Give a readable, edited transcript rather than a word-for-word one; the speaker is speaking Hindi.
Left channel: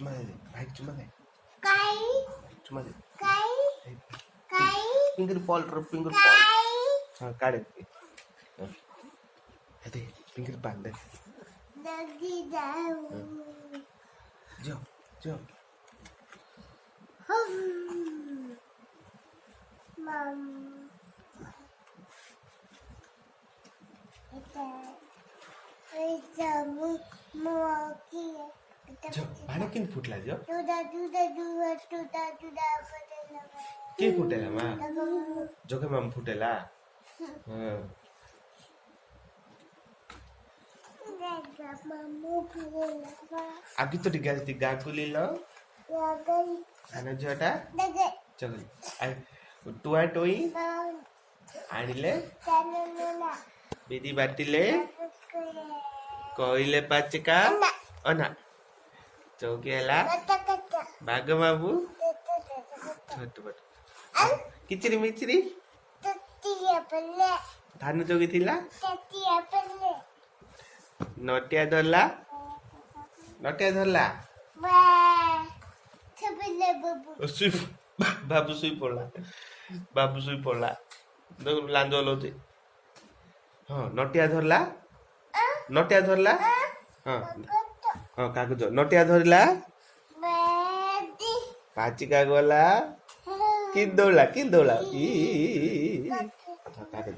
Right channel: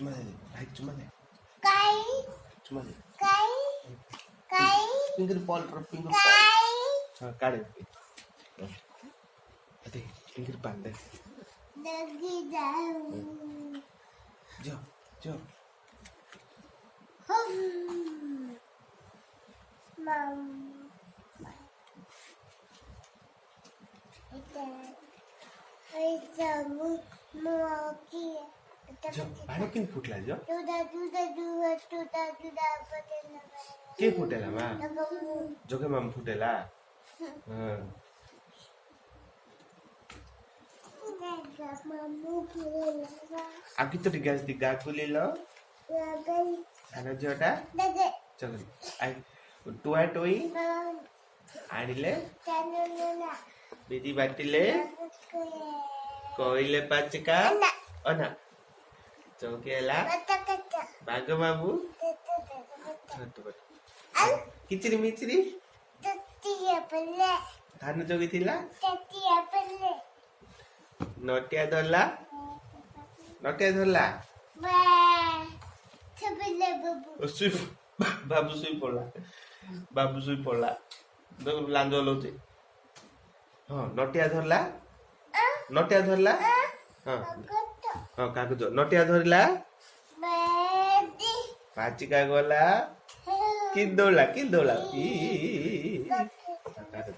चुमा दे भाई चुमा दे काई चुमा दे काई काई फिंगर पॉल फिंगर पॉल काई हाँ काढ़े अरे फिंगर पॉल दे लगी जाऊं जाओ जाओ मम इतना मोकी जाओ पानी किन फुटला जाओ दूधा दूधा दूधा दूधा दूधा बदलना के फुटेला मा जगे माम फुटेला हाँ मामू फुलेला आगे तो गैस दी गा कुलीला लगन आना जोटा लगे चलो आई टुआ टोई आनिले तनुना बेदी बाटिले कोइले पाचका अना चौकेला कच्चा कच्चा बाग बाबू छोटू बट किचरी मिचरी तत्तिया पल्ले धान जोगी थिला तत्तिया पल्ले नटिया धरला नटिया धरला बा छबले बाबू सुई बाबू सुई पड़ला देख लांज लौचे हाँ नटिया धरला नटिया धरला हाँ हाँ कागज नटिया धरला बेदी पाचिका गला कि दौड़ा ई कागज